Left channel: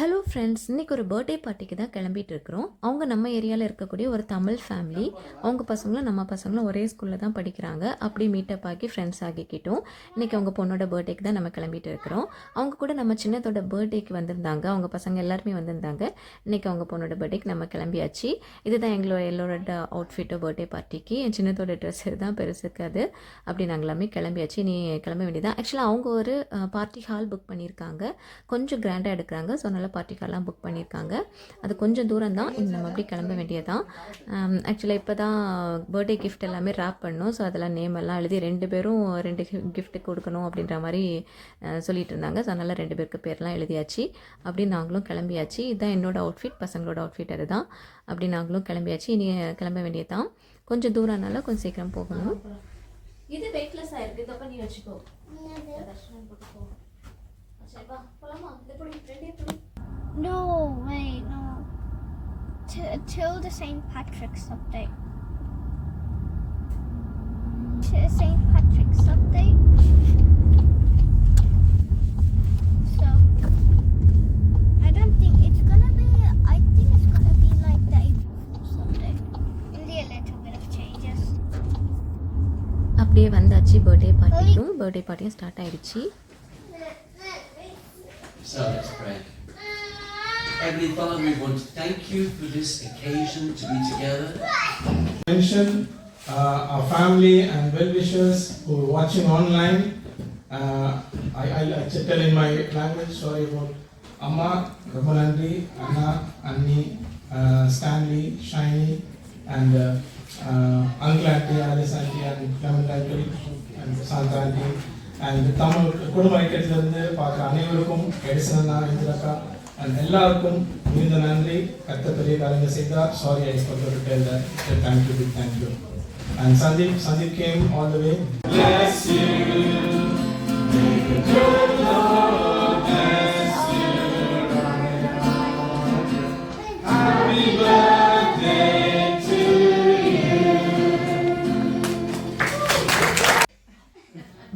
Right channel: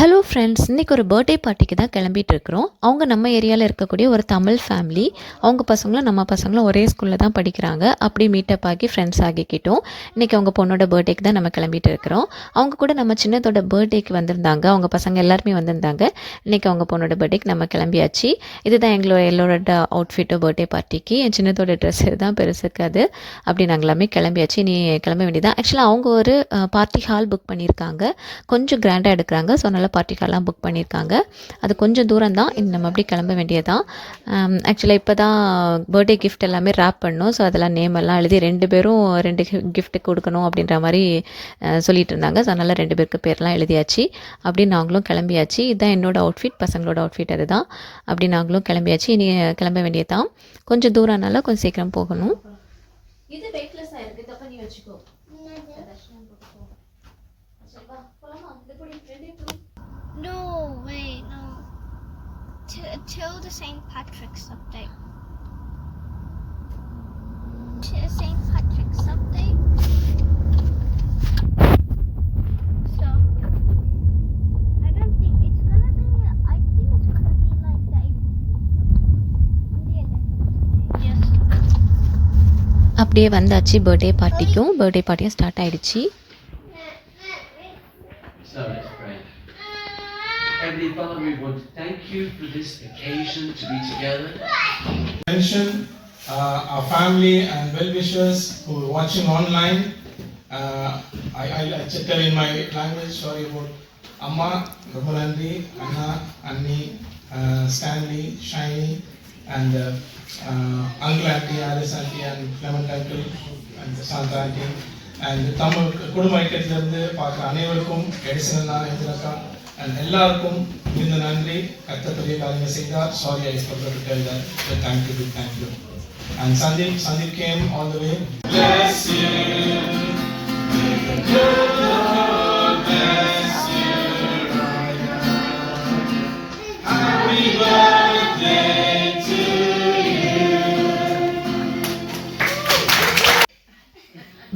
Hello friends, இன்றைக்கி ஒரு birthday பார்ட்டிக்கு தான் கிளம்பிட்டு இருக்கிறோம். அவங்க நம்ம ஏரியாவில் இருக்கக்கூடிய ஒரு தமிழ் ஃபேமிலி. அவங்க பசங்களும் நம்ம பசங்களும் ஒரே ஸ்கூலில் தான் படிக்கிறாங்க. அப்படி மீட்டப் ஆகி ஃப்ரெண்ட்ஸ் ஆகிக்கிட்டோம். இன்றைக்கி அவங்க பொண்ணோட பர்த்டேக்கு தான் நம்ம கிளம்பிட்டு இருக்கிறோம். அவங்க கூட நம்ம சின்னதோட பர்த்டேக்கு வந்திருந்தாங்க. அவங்க பசங்க எல்லாருமே வந்திருந்தாங்க. இன்றைக்கி அவங்க பொண்ணோட பர்த்டேக்கு நம்ம கிளம்பியாச்சு. இதுதான் எல்லோரோட அவுட்ஃபிட்டோ பர்த்டே பார்ட்டிக்கு. என் சின்னதோட ட்ரெஸ் இதுதான், பெருசுக்கு அது. அப்படி நாங்கள் எல்லாமே கிளம்பியாச்சு. நீ கிளம்ப வேண்டியதான். ஆக்சுவலாக அவங்க ஒரு பார்ட்டி ஹால் புக் பண்ணியிருக்காங்க. கொஞ்சம் கிராண்டாக எடுக்கிறாங்க. ஸோ நல்ல பார்ட்டி ஹால்லாம் புக் பண்ணியிருக்காங்க. அது கொஞ்சம் தூரம் தான். நம்ம அப்படி கிளம்ப வேண்டியதான். ஆக்சுவலாக இப்போ தான் பர்த்டே கிஃப்ட் எல்லாமே ரேப் பண்ணோம். ஸோ அதெல்லாம் நேம் எல்லாம் எழுதி 2 பேரும் 2 கிஃப்ட்டு கொடுக்கணும் அப்படின்ற மாதிரி சொல்லிட்டு இருந்தாங்க. ஸோ அதனால் 2 பேருக்கு பேர்லாம் எழுதியாச்சு. அப்படி நாங்களும் கிளம்பியாச்சு. இதுதான் என்னோடய அவுட்ஃபிட், பசங்களோட அவுட்ஃபிட் அதுதான். அப்படி நாங்களும் கிளம்பியாச்சு. இனி கிளம்ப வேண்டியதான். கொஞ்சம் தூரம்னால கொஞ்சம் சீக்கிரம் போகணும். இது வெயிட்லெஸ்ஸாக இருக்குது. தப்பா நீ வச்சுக்கோ. No, wait, no. Till the St. Patrick's update. Till St. Patrick's update. So, I don't think it's gonna be, I think it's gonna be like the April Fool's update. Only a little bit of changes. அப்படியே வந்தாச்சு. Birthday பார்ட்டியும் start ஆகிடுச்சு. So let's pray. Heavenly Father, we want to thank you for this occasion to be together. Mention our family and well-wishers who are watching online. I tell in my language, sorry about Amma, Ramunandi, Anna, Anni, Stanley, Shiny, and Uncle Auntie, Alice Auntie, and Clement Uncle, and Santa Auntie. And Tamil குடும்ப ஐக்கியத்திலிருந்து பார்க்குற அனைவருக்கும் எடிசனா இந்திரக்கா and எல்லாருக்கும் மிகுந்த நன்றி. கர்த்தர் பெரிய காரியங்கள் செய்தார். Sorry I forgot to tell that. Thank you. And Sandeep came all the way. Bless you. May the good Lord bless you right now. Happy birthday to you.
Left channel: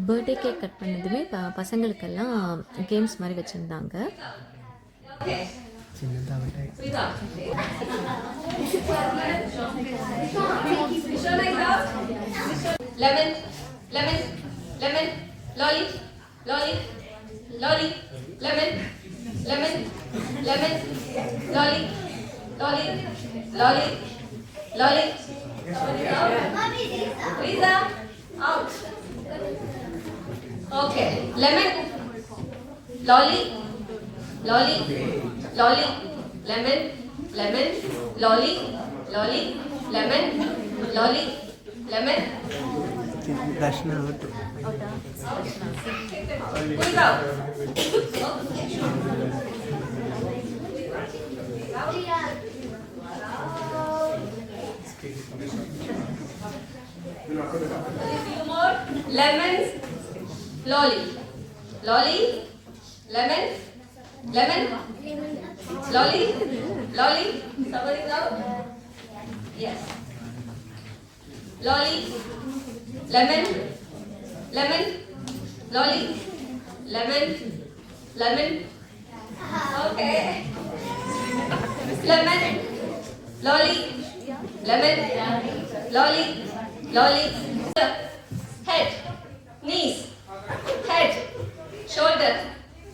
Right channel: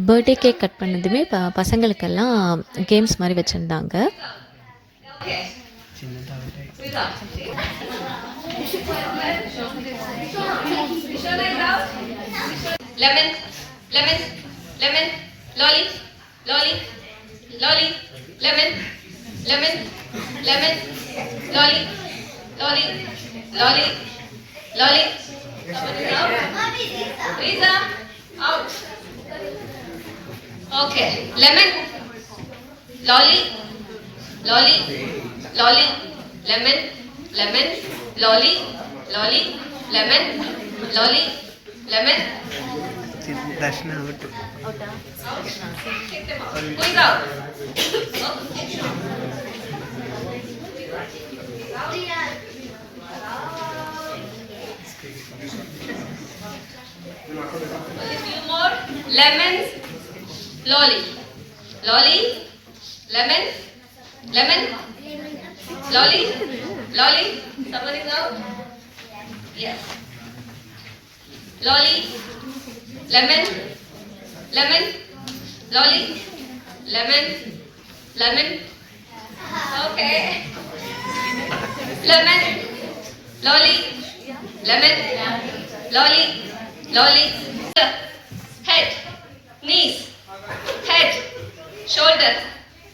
Birthday cake cut பண்ணதுமே பசங்களுக்கெல்லாம் games மாதிரி வச்சுருந்தாங்க. Lemon, lolly, lemon, lolly, Risa, out. Okay, lemon, lolly, lemon, lolly, lemon. Dashna out. Please out. A few more. Lemons, lolly, lemon, lolly. Somebody is out. Yes. Lolly, lemon, lolly, lemon. Okay. Lemon, lolly, lolly. Head, knees, head, shoulder,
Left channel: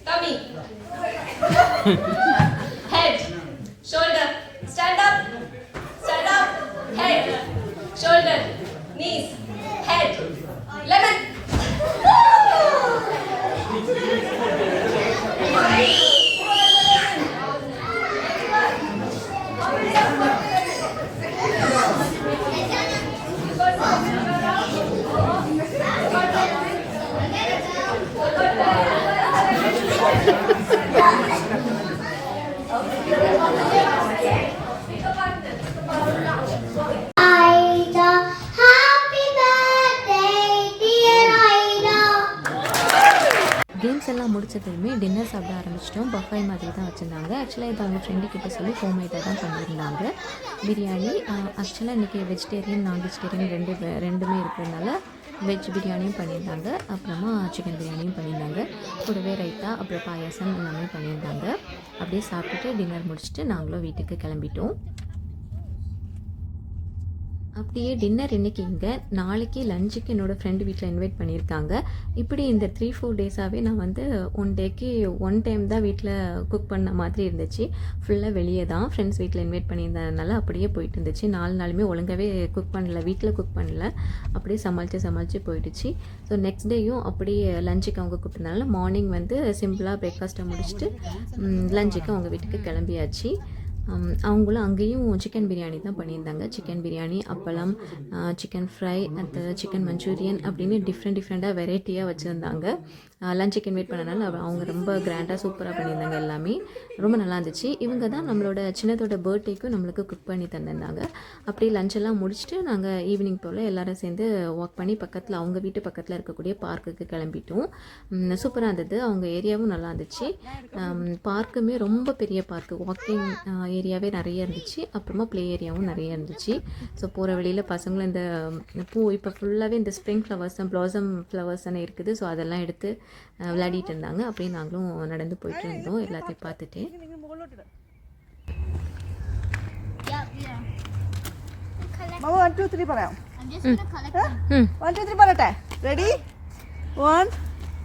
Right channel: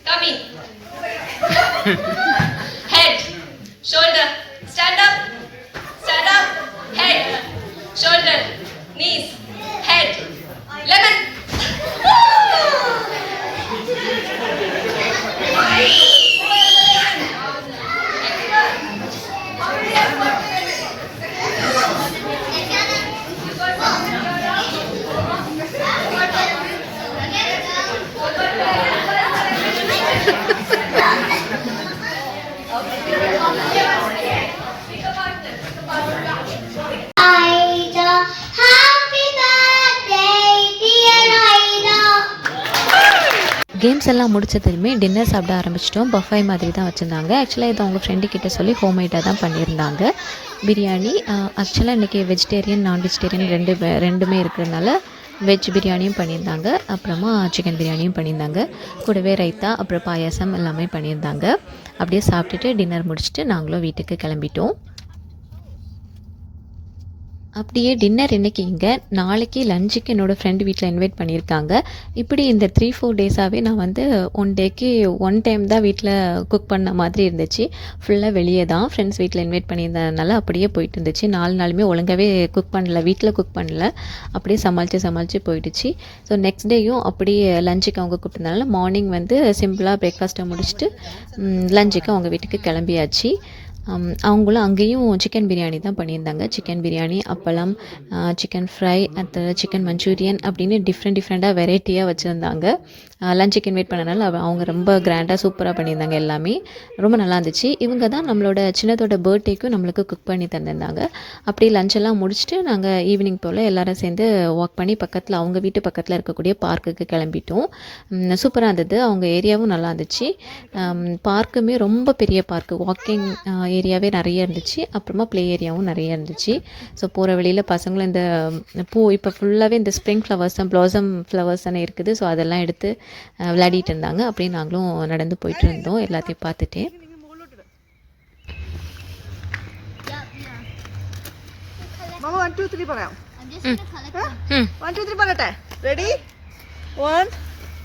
tummy. Head, shoulder, stand up, head, shoulder, knees, head, lemon. Ida, happy birthday, dear Ida. Games எல்லாம் முடிச்சதுமே dinner சாப்பிட ஆரம்பிச்சிட்டோம். Buffet மாதிரி தான் வச்சுருந்தாங்க. ஆக்சுவலாக இதை அவங்க friend கிட்ட சொல்லி ஹோம்மேடாக தான் பண்ணியிருந்தாங்க. பிரியாணி ஆக்சுவலாக இன்றைக்கி வெஜிடேரியன் நான் வெஜிடேரியன் ரெண்டுமே இருக்கிறதுனால வெஜ் பிரியாணியும் பண்ணியிருந்தாங்க, அப்புறமா சிக்கன் பிரியாணியும் பண்ணியிருந்தாங்க, கூடவே ரைத்தா அப்புறம் பாயாசம் எல்லாமே பண்ணியிருந்தாங்க. அப்படியே சாப்பிட்டுட்டு டின்னர் முடிச்சுட்டு நாங்களும் வீட்டுக்கு கிளம்பிட்டோம். அப்படியே டின்னர் இன்றைக்கி இங்கே, நாளைக்கு லஞ்சுக்கு என்னோடய ஃப்ரெண்டு வீட்டில் இன்வைட் பண்ணியிருக்காங்க. இப்படி இந்த 3-4 டேஸாகவே நான் வந்து 1 டேக்கு 1 டைம் தான் வீட்டில் குக் பண்ண மாதிரி இருந்துச்சு. ஃபுல்லாக வெளியே தான் ஃப்ரெண்ட்ஸ் வீட்டில் இன்வைட் பண்ணியிருந்ததுனால அப்படியே போயிட்டு இருந்துச்சு. 4 நாளுமே ஒழுங்காகவே குக் பண்ணல, வீட்டில் குக் பண்ணல, அப்படியே சமாளித்து போயிடுச்சு. ஸோ நெக்ஸ்ட் டேயும் அப்படியே லஞ்சுக்கு அவங்க கூப்பிட்டதுனால மார்னிங் வந்து சிம்பிளாக பிரேக்ஃபாஸ்ட்டை முடிச்சுட்டு லஞ்சுக்கு அவங்க வீட்டுக்கு கிளம்பியாச்சு. அவங்களும் அங்கேயும் சிக்கன் பிரியாணி தான் பண்ணியிருந்தாங்க. சிக்கன் பிரியாணி, அப்பளம், சிக்கன் ஃப்ரை, அடுத்தது சிக்கன் மஞ்சூரியன் அப்படின்னு டிஃப்ரெண்ட்டாக வெரைட்டியாக வச்சுருந்தாங்க. லஞ்சுக்கு இன்வைட் பண்ணனால அவங்க ரொம்ப கிராண்டாக சூப்பராக பண்ணியிருந்தாங்க. எல்லாமே ரொம்ப நல்லா இருந்துச்சு. இவங்க தான் நம்மளோட சின்னதோட பர்த்டேக்கும் நம்மளுக்கு குக் பண்ணி தந்திருந்தாங்க. அப்படியே லஞ்செல்லாம் முடிச்சுட்டு நாங்கள் ஈவினிங் போல் எல்லோரும் சேர்ந்து வாக் பண்ணி பக்கத்தில், அவங்க வீட்டு பக்கத்தில் இருக்கக்கூடிய பார்க்குக்கு கிளம்பிட்டோம். சூப்பராக இருந்தது. அவங்க ஏரியாவும் நல்லா இருந்துச்சு. பார்க்குமே ரொம்ப பெரிய பார்க்கு, வாக்கிங் ஏரியாவே நிறைய இருந்துச்சு, அப்புறமா ப்ளே ஏரியாவும் நிறைய இருந்துச்சு. ஸோ போகிற வழியில் பசங்களும் இந்த பூ இப்போ ஃபுல்லாகவே இந்த ஸ்ப்ரிங் ஃப்ளவர்ஸ் தான், ப்ளாசம் ஃப்ளவர்ஸ் தானே இருக்குது. ஸோ அதெல்லாம் எடுத்து விளையாடிட்டு இருந்தாங்க. அப்படியே நாங்களும் நடந்து போயிட்டு இருந்தோம் எல்லாத்தையும் பார்த்துட்டே. മാമ 1 2 3 പറയാം. I'm just gonna collect 1 2 3 പറയട്ടെ. റെഡി 1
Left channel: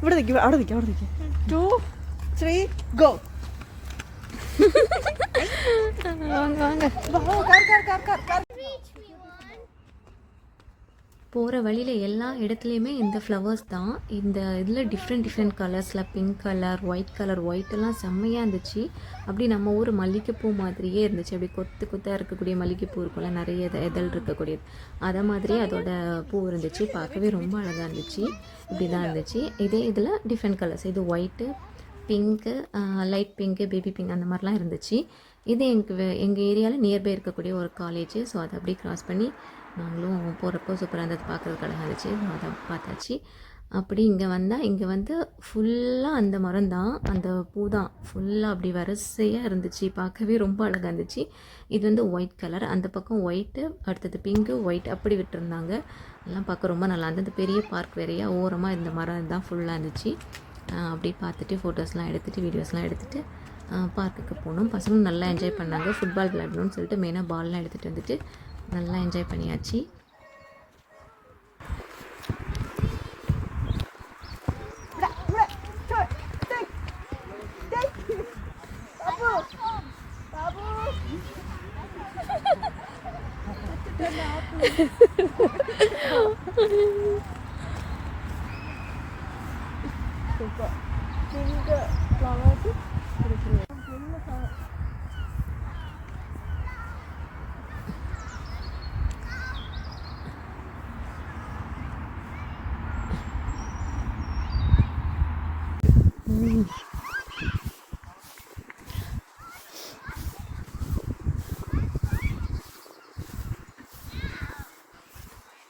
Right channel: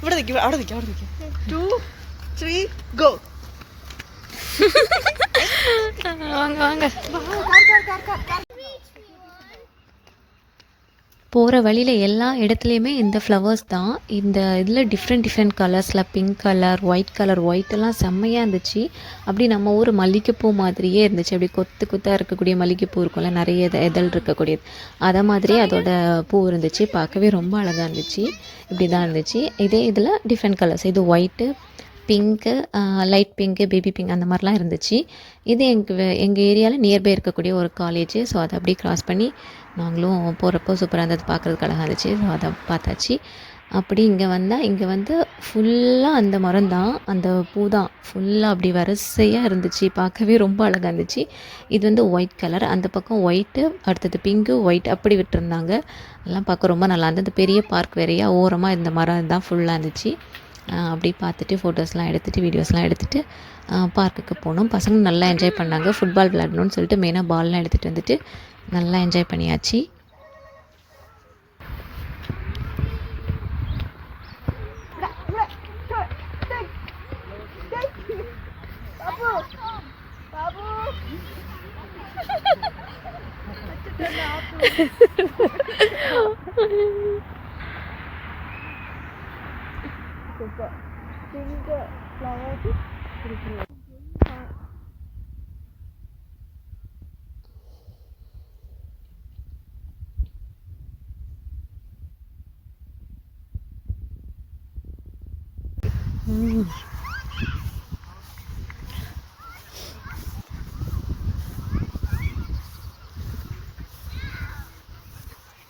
ഇവിടെ നിൽക്കും, അവിടെ നിൽക്കും. 2 3 ഗോ. வாங்க കാർ. போகிற வழியில் எல்லா இடத்துலையுமே இந்த ஃப்ளவர்ஸ் தான். இந்த இதில் டிஃப்ரெண்ட் கலர்ஸில் பிங்க் கலர், ஒயிட்டெல்லாம் செம்மையாக இருந்துச்சு. அப்படி நம்ம ஊர் மல்லிகைப்பூ மாதிரியே இருந்துச்சு. அப்படி கொத்தாக இருக்கக்கூடிய மல்லிகைப்பூ இருக்கும்ல, நிறைய இதழ் இருக்கக்கூடியது, அதை மாதிரியே அதோட பூ இருந்துச்சு. பார்க்கவே ரொம்ப அழகாக இருந்துச்சு. இப்படி தான் இருந்துச்சு. இதே இதில் டிஃப்ரெண்ட் கலர்ஸ், இது white, pink, light pink, baby pink அந்த மாதிரிலாம் இருந்துச்சு. இது எங்கள் ஏரியாவில் நியர்பை இருக்கக்கூடிய ஒரு காலேஜ். ஸோ அதை அப்படியே க்ராஸ் பண்ணி நாங்களும் போகிறப்போ சூப்பராக இருந்தது, பார்க்குறதுக்கு அழகாக இருந்துச்சு. ஸோ அதை பார்த்தாச்சு. அப்படி இங்கே வந்து ஃபுல்லாக அந்த மரம் தான், அந்த பூ தான் ஃபுல்லாக அப்படி வரிசையாக இருந்துச்சு. பார்க்கவே ரொம்ப அழகாக இருந்துச்சு. இது வந்து ஒயிட் கலர், அந்த பக்கம் ஒயிட்டு, அடுத்தது பிங்க்கு, ஒயிட் அப்படி விட்டுருந்தாங்க. எல்லாம் பார்க்க ரொம்ப நல்லா இருந்தது. பெரிய பார்க் வேறையா, ஓரமாக இந்த மரம் தான் ஃபுல்லாக இருந்துச்சு. அப்படி பார்த்துட்டு ஃபோட்டோஸ்லாம் எடுத்துகிட்டு வீடியோஸ்லாம் எடுத்துகிட்டு பார்க்குக்கு போனோம். பசங்க நல்லா என்ஜாய் பண்ணாங்க. ஃபுட்பால் விளையாடணும்னு சொல்லிட்டு மெயினாக பால்லாம் எடுத்துகிட்டு வந்துட்டு நல்லா என்ஜாய் பண்ணியாச்சு.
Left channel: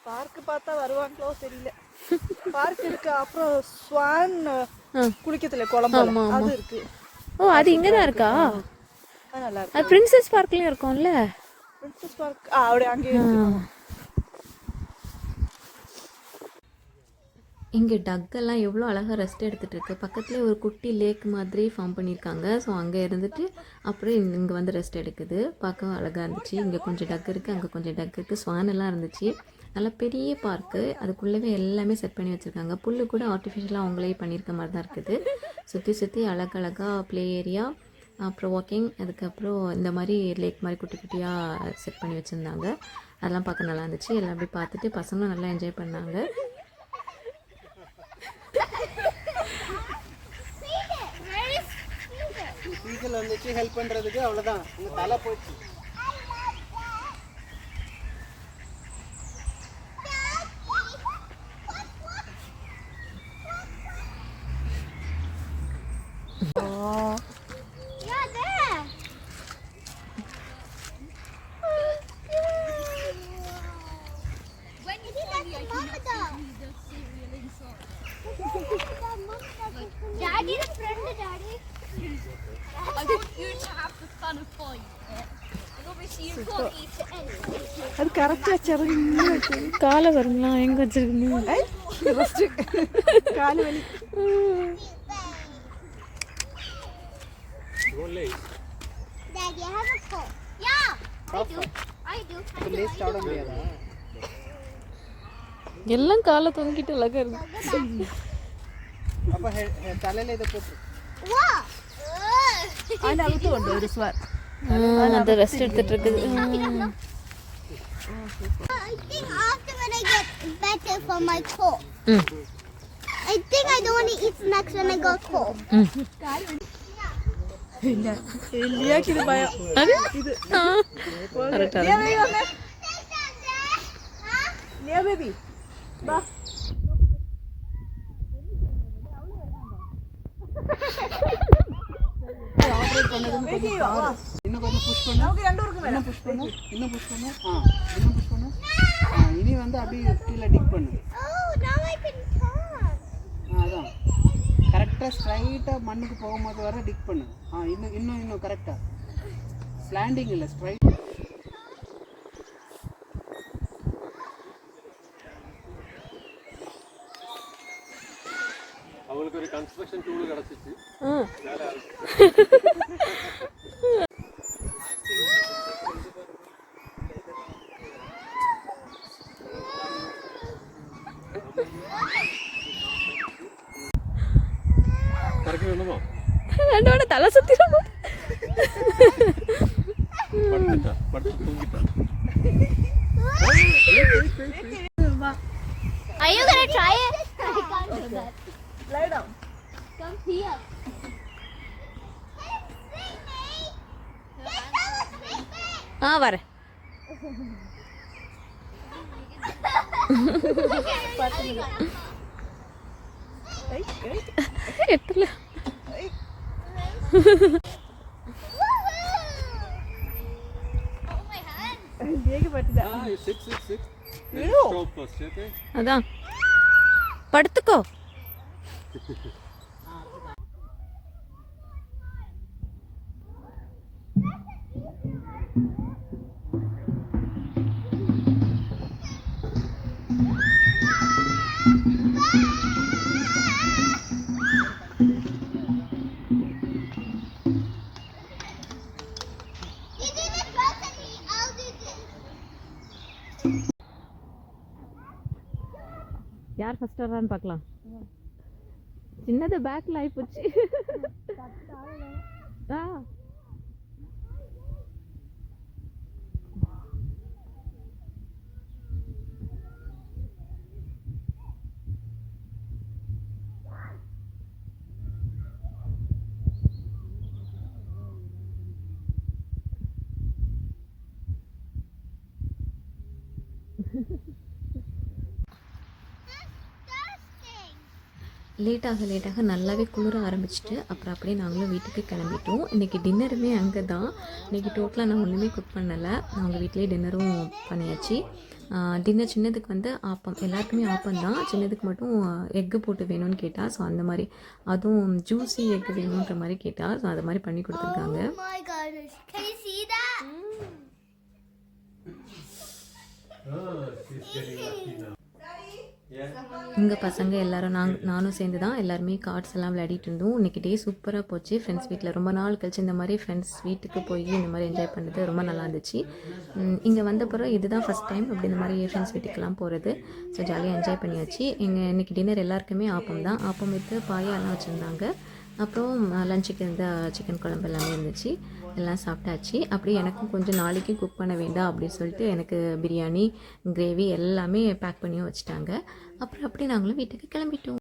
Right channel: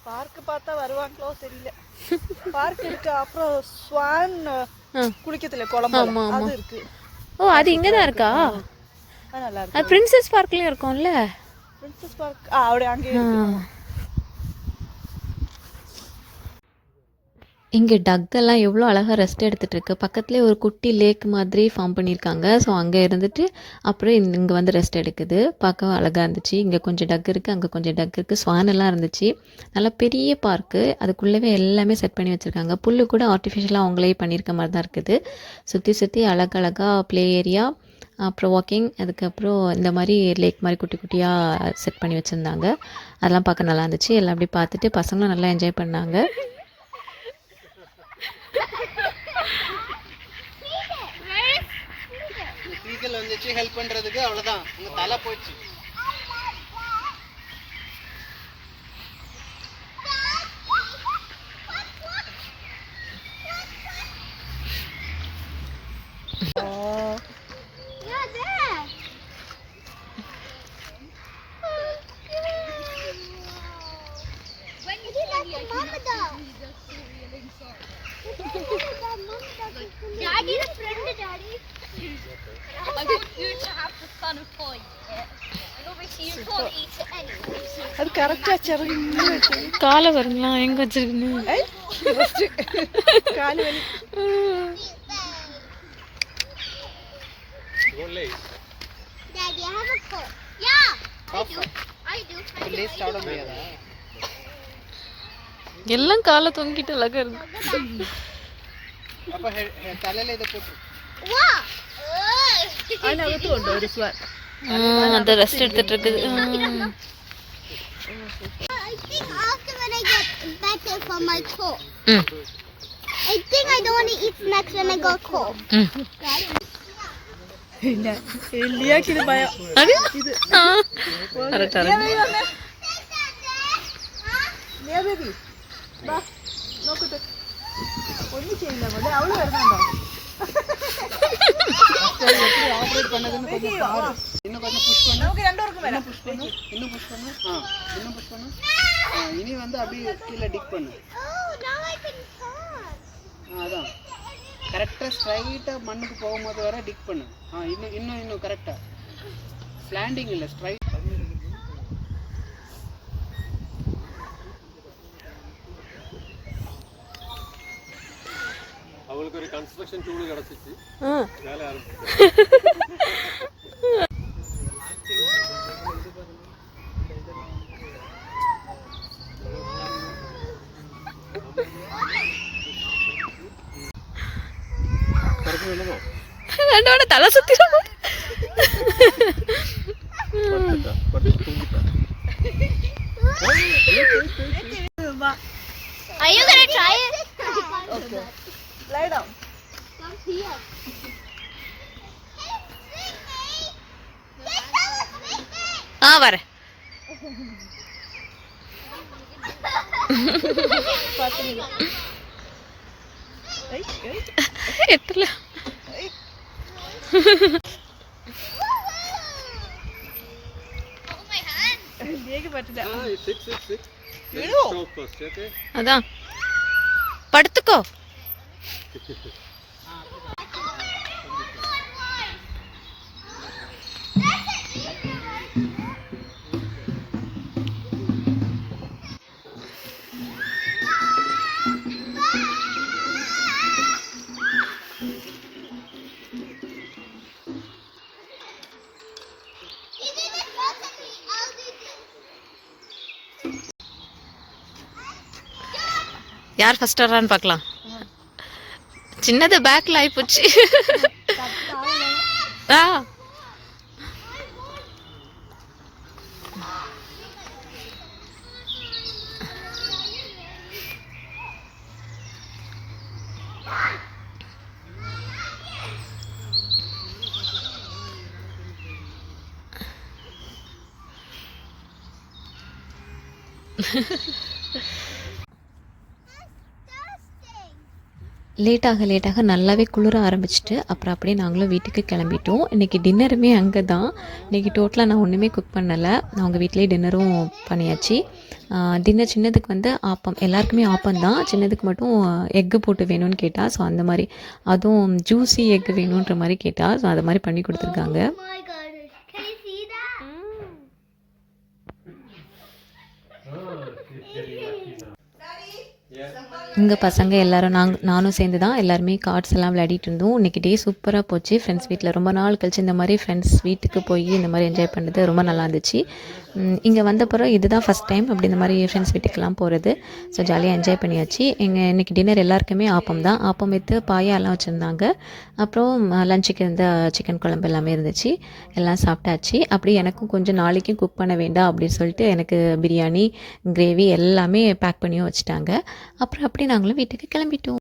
பார்க் பார்த்தா வருவாங்களோ தெரியல. பார்க் இருக்கு, அப்புறம் ஸ்வான் குளிக்கத்துல குளம் அது இருக்கு. ஓ, அது இங்கே தான் இருக்கா? அது நல்லா இருக்கு. அது பிரின்சஸ் பார்க்லேயும் இருக்கும்ல. பிரின்சஸ் பார்க் அப்படியே அங்கே இருக்கு. இங்கே டக்கெல்லாம் எவ்வளோ அழகாக ரெஸ்ட் எடுத்துகிட்டு இருக்கு. பக்கத்துலேயே ஒரு குட்டி லேக் மாதிரி ஃபார்ம் பண்ணியிருக்காங்க. ஸோ அங்கே இருந்துட்டு அப்புறம் இங்கே வந்து ரெஸ்ட் எடுக்குது. பார்க்க அழகாக இருந்துச்சு. இங்கே கொஞ்சம் டக் இருக்குது, அங்கே கொஞ்சம் டக் இருக்குது. ஸ்வான் எல்லாம் இருந்துச்சு. நல்லா பெரிய பார்க்கு, அதுக்குள்ளவே எல்லாமே செட் பண்ணி வச்சுருக்காங்க. புல்லு கூட ஆர்டிஃபிஷியலாக அவங்களே பண்ணியிருக்க மாதிரி தான் இருக்குது. சுற்றி அழகழகாக ப்ளே ஏரியா, அப்புறம் வாக்கிங், அதுக்கப்புறம் இந்த மாதிரி லேக் மாதிரி குட்டி குட்டியாக செட் பண்ணி வச்சுருந்தாங்க. அதெல்லாம் பார்க்க நல்லா இருந்துச்சு. எல்லாம் அப்படி பார்த்துட்டு பசங்களும் நல்லா என்ஜாய் பண்ணாங்க. ஈகிள் வந்துச்சு ஹெல்ப் பண்றதுக்கு, அவ்வளவுதான் உங்க தலை போச்சு. Daddy, the friend, Daddy. You have to kind of point it. And obviously you can't eat it anyway. அது கரெக்டா செருங்க காலை வருங்களா எங்கே வச்சிருக்குன்னு காலு வலி. Daddy, I have a coat. Yeah, I do. I do. எல்லாம் காலை தொங்கிட்டு அழகா இருக்கு. Wow. അതിനകത്തും ഉണ്ട് ഒരു സ്വാൻ. அது ரெஸ்ட் எடுத்துட்டு இருக்குது. I think after when I get better from my cold, ம் I think I don't want to eat snacks when I got cold. ம் ഇല്ല ലിയാക്ക് ഇത് ഭയം. அது கரெக்டா இருக்கு. ലിയ ബേബി വാ നോക്കട്ടെ. ഒന്നും ചെയ്യില്ല മോളെ. അവള് വരുന്നുണ്ടോ? நமக்கு ரெண்டு பேருக்கும் வேணும். இன்னும் புஷ் பண்ணு. இனி வந்து அப்படியே கீழே டிக் பண்ணு. Oh, now I can talk. அதான் கரெக்டாக ஸ்ட்ரைட்டாக மண்ணுக்கு போகும்போது வர டிக் பண்ணு. இன்னும் கரெக்டாக ஸ்லாண்டிங் இல்லை, ஸ்ட்ரைட். அவங்களுக்கு ஒரு கன்ஸ்ட்ரக்ஷன் டூல் கிடச்சிச்சு. கரெக்டாக வேணுமா? ரெண்டோட தலை சுத்திரும். படுத்து தூங்கிட்டா. Are you gonna try it? Lie down. Come here. வர எத்தல Oh my hand. ലിയക്ക് പറ്റില്ല. Sit. First, okay? அதான் படுத்துக்கோ. You do this first and I'll do this. யார் ஃபர்ஸ்ட் வர்றான்னு பார்க்கலாம். சின்னது பேக்ல ஆயிப்போச்சு. ஆ லேட்டாக நல்லாவே குளிர ஆரம்பிச்சிட்டு அப்புறம் அப்படியே நாங்களும் வீட்டுக்கு கிளம்பிட்டோம். இன்றைக்கி டின்னருமே அங்கே தான். இன்றைக்கி டோட்டலாக நான் ஒன்றுமே குக் பண்ணலை. அவங்க வீட்டிலே டின்னரும் பண்ணியாச்சு. டின்னர் சின்னதுக்கு வந்து ஆப்பம், எல்லாருக்குமே ஆப்பம் தான். சின்னதுக்கு மட்டும் எக்கு போட்டு வேணும்னு கேட்டால், ஸோ அந்த மாதிரி அதுவும் ஜூஸி எக்கு வேணுன்ற மாதிரி கேட்டால், ஸோ அது மாதிரி பண்ணி கொடுத்துருக்காங்க. Oh my goodness. Can you see that? இங்கே பசங்க எல்லோரும் நானும் சேர்ந்து தான் எல்லாருமே கார்ட்ஸ் எல்லாம் விளையாடிட்டு இருந்தோம். இன்றைக்கி டே சூப்பராக போச்சு. ஃப்ரெண்ட்ஸ் வீட்டில் ரொம்ப நாள் கழிச்சு இந்த மாதிரி ஃப்ரெண்ட்ஸ் வீட்டுக்கு போய் இந்த மாதிரி என்ஜாய் பண்ணுறது ரொம்ப நல்லா இருந்துச்சு. இங்கே வந்த பிறகு இதுதான் ஃபஸ்ட் டைம் அப்படி இந்த மாதிரி ஃப்ரெண்ட்ஸ் வீட்டுக்கெல்லாம் போகிறது. ஸோ ஜாலியாக என்ஜாய் பண்ணியாச்சு. இன்றைக்கி டின்னர் எல்லாருக்குமே ஆப்பம் தான். ஆப்பம் வைத்து பாயாலாம் வச்சுருந்தாங்க. அப்புறம் லஞ்சுக்கு இருந்த சிக்கன் குழம்பு எல்லாமே இருந்துச்சு. எல்லாம் சாப்பிட்டாச்சு. அப்படி எனக்கும் கொஞ்சம் நாளைக்கும் குக் பண்ண வேண்டாம் அப்படின்னு சொல்லிட்டு எனக்கு பிரியாணி, கிரேவி எல்லாமே பேக் பண்ணியும் வச்சுட்டாங்க. அப்புறம் அப்படி நாங்களும் வீட்டுக்கு கிளம்பிட்டோம்.